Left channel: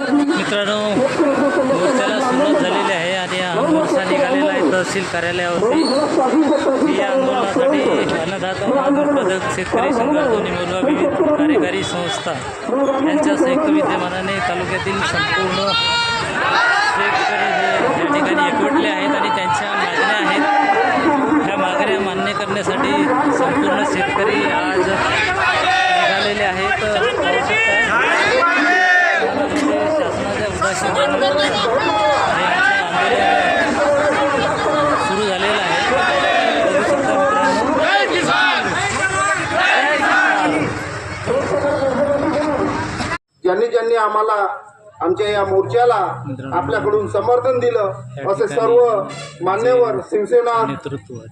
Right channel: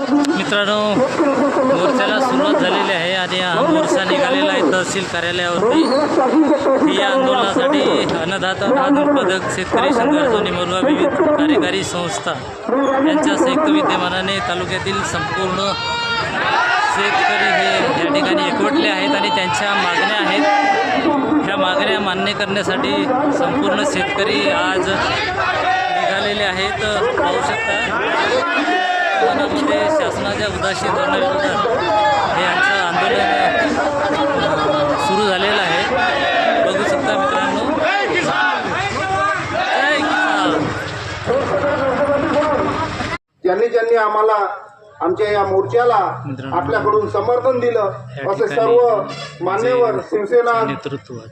मित्रांनो, मोर्चाला सुरुवात झालेली आहे आणि हा मोर्चा निघालेला आहे तहसील कार्यालयावरती। या आंदोलनासाठी अन्नदाता दूध उत्पादक शेतकरी संघर्ष मोरवा विविध कार्यकारी संस्था यांच्या संयुक्त विद्यमानाने तालुक्यातील संपूर्ण शेतकरी हे या ठिकाणी एकवटले आहेत आणि त्यांच्या मागण्या आहेत। ह्या मागण्या मान्य करण्यासाठी संपूर्ण शेतकरी आज निघालेले आहेत। पाहू शकता शासनाच्या उदासीनपणाविरोधात हे यांचं आंदोलन सुरू झालेलं आहे। बघू शकता मित्रांनो, ज्यांनी आम्हाला आमच्या या मोर्चाला आपल्याकडून समर्थन दिलं असे सर्व मान्यवर शिवसेना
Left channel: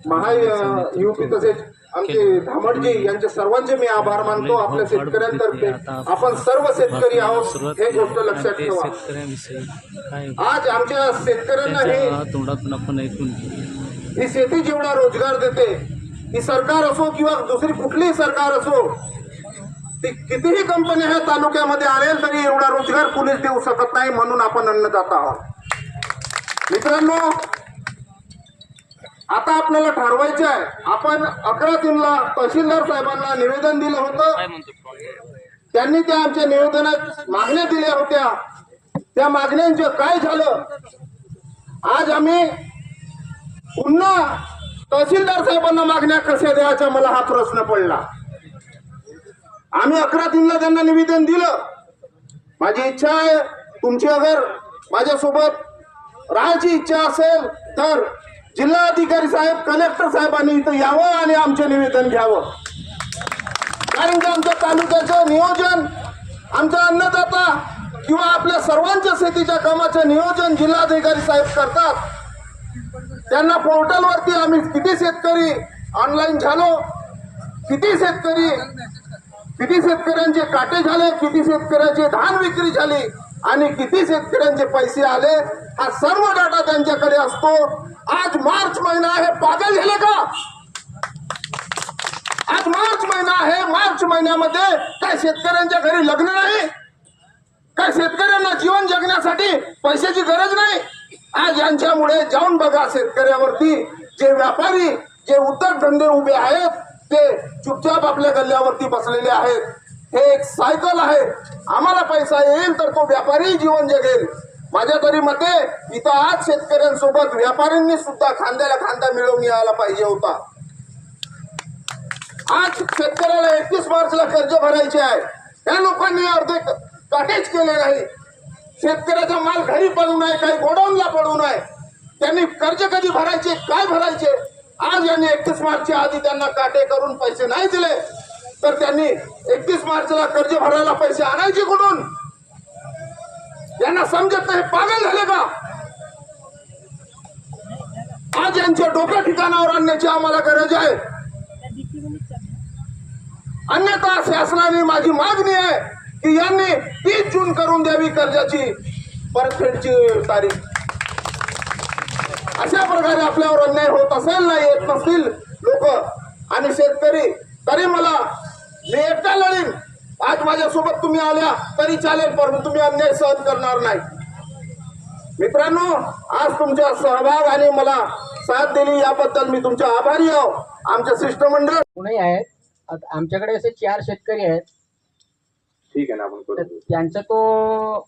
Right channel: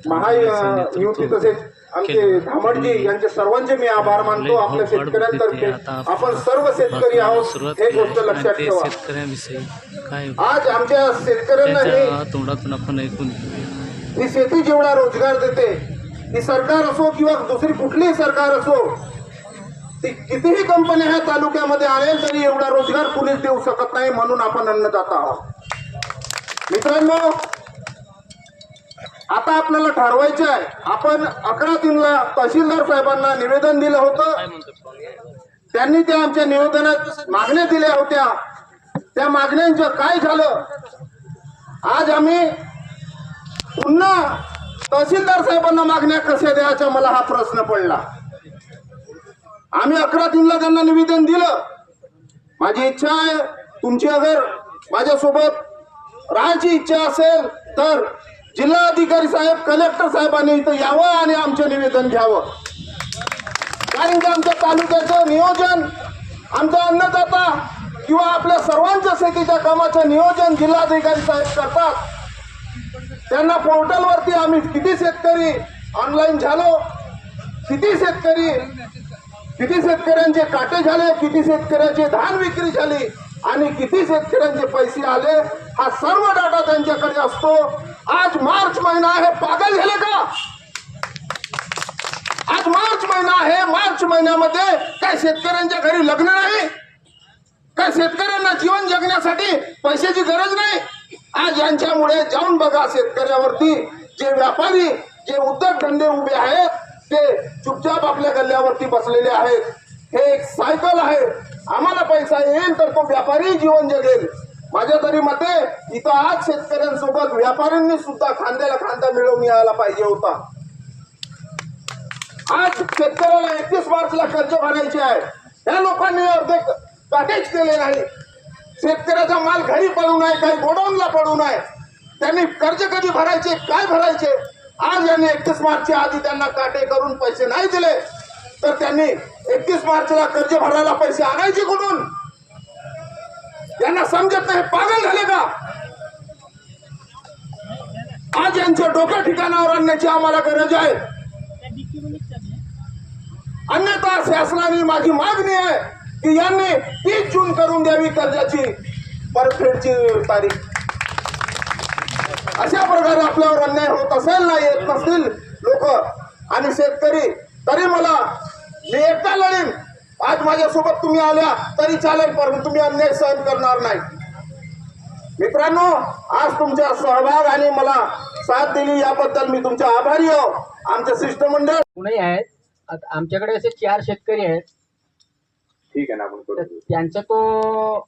महायुती तसेच आमचे धामडजी यांचे सर्वांचे मी आभार मानतो। आपल्या शेतकऱ्यांतर्फे आपण सर्व शेतकरी आहोत हे गोष्ट लक्षात ठेवा। शेतकऱ्यांविषयी काय आज आमच्या शेतकऱ्यांना तोंडातून आपण ऐकून ही शेती जेवढा रोजगार देते, ही सरकार असो किंवा दुसरी कुठलीही सरकार असो, ती कितीही कंपनी ह्या तालुक्यामध्ये आणेल तरी एवढा रोजगार कुणीच देऊ शकत नाही। म्हणून आपण अन्नदाता आहोत। मित्रांनो, आता आपल्याला ठरवायचे आहे। आपण 11/3ला तहसीलदार साहेबांना निवेदन दिलं होतं। त्यांनी त्या आमच्या निवेदनात मागण्या दिल्या होत्या। त्या मागण्यांचं काय झालं? आज आम्ही पुन्हा तहसीलदार साहेबांना मागण्या कशा द्यायच्या, मला हा प्रश्न पडला। आम्ही 11/3ला त्यांना निवेदन दिलं। माझी इच्छा आहे, तुमची अगर माझ्यासोबत राहायची इच्छा असेल तर जिल्हाधिकारी साहेब, कलेक्टर साहेबांनी इथं यावं आणि आमचे निवेदन घ्यावं। कारण की आमच्या तालुक्याचं नियोजन, आमचा अन्नदाता किंवा आपल्या सर्वांच्या शेतीच्या कामाचं नियोजन जिल्हाधिकारी साहेब करतात। त्यांना पोर्टलवरती आम्ही किती शेतकरी ऑनलाईन झालो, किती शेतकऱ्यांचे काटे झाले, किती शेतकऱ्यांची धान विक्री झाली आणि किती शेतकऱ्यांचे पैसे आले, हा सर्व डाटा त्यांच्याकडे असतो। आज मार्च महिना आहे, पागल झाले का? आज मार्च महिना आहे, मार्च महिन्यामध्ये काय शेतकऱ्यांच्या घरी लग्न नाही? काय शेतकऱ्यांना जीवन जगण्यासाठी पैशाची गरज नाही? आज यांच्यामुळे जाऊन बघा शेतकऱ्यावरती, जे व्यापारी, जे उद्योगधंदे उभे आहेत ते चुपचाप आपल्या गल्ल्यावरती बसलेले आहेत। हे एक सायकल आहे। आम्हाला पैसा येईल तर तो व्यापारी जीवन जगेल। माझ्या तरी मते इथं आज शेतकऱ्यांसोबत व्यापाऱ्यांनी सुद्धा खांद्याला खांदा मिळवून यायला पाहिजे होता। आज शेतकऱ्याला 31 मार्चला कर्ज भरायचे आहे, त्या लोकांनी अर्धे काटेच केले नाही। शेतकऱ्याचा माल घरी पडू नये, काही गोडाऊनला पडू नये। त्यांनी कर्ज कधी भरायचे, काय भरायचे? आज यांनी 31 मार्चच्या आधी त्यांना काटे करून पैसे नाही दिले तर त्यांनी 31 मार्चला कर्ज भरायला पैसे आणायचे कुठून? यांना समजत नाही, पागल झाले का? आज यांच्या डोक्या ठिकाणावर आणण्याची आम्हाला गरज आहे। अन्यथा शासनाने, माझी मागणी आहे की यांनी 30 जून करून द्यावी कर्जाची परतफेडची तारीख। अशा प्रकारे आपल्यावर अन्याय होत असेल ना, येत नसतील लोक आणि शेतकरी, तरी मी एकटा लढीन। आज माझ्यासोबत तुम्ही आल्या तरी चालेल, पण तुम्ही अन्याय सहन करणार नाही। मित्रांनो, आज तुमचा सहभाग आणि मला साथ दिली याबद्दल मी तुमचा आभारी आहो। आमचे शिष्टमंडळ पुणे आहेत, आमच्याकडे असे 4 शेतकरी आहेत। ठीक आहे ना, आपण त्यांचा तो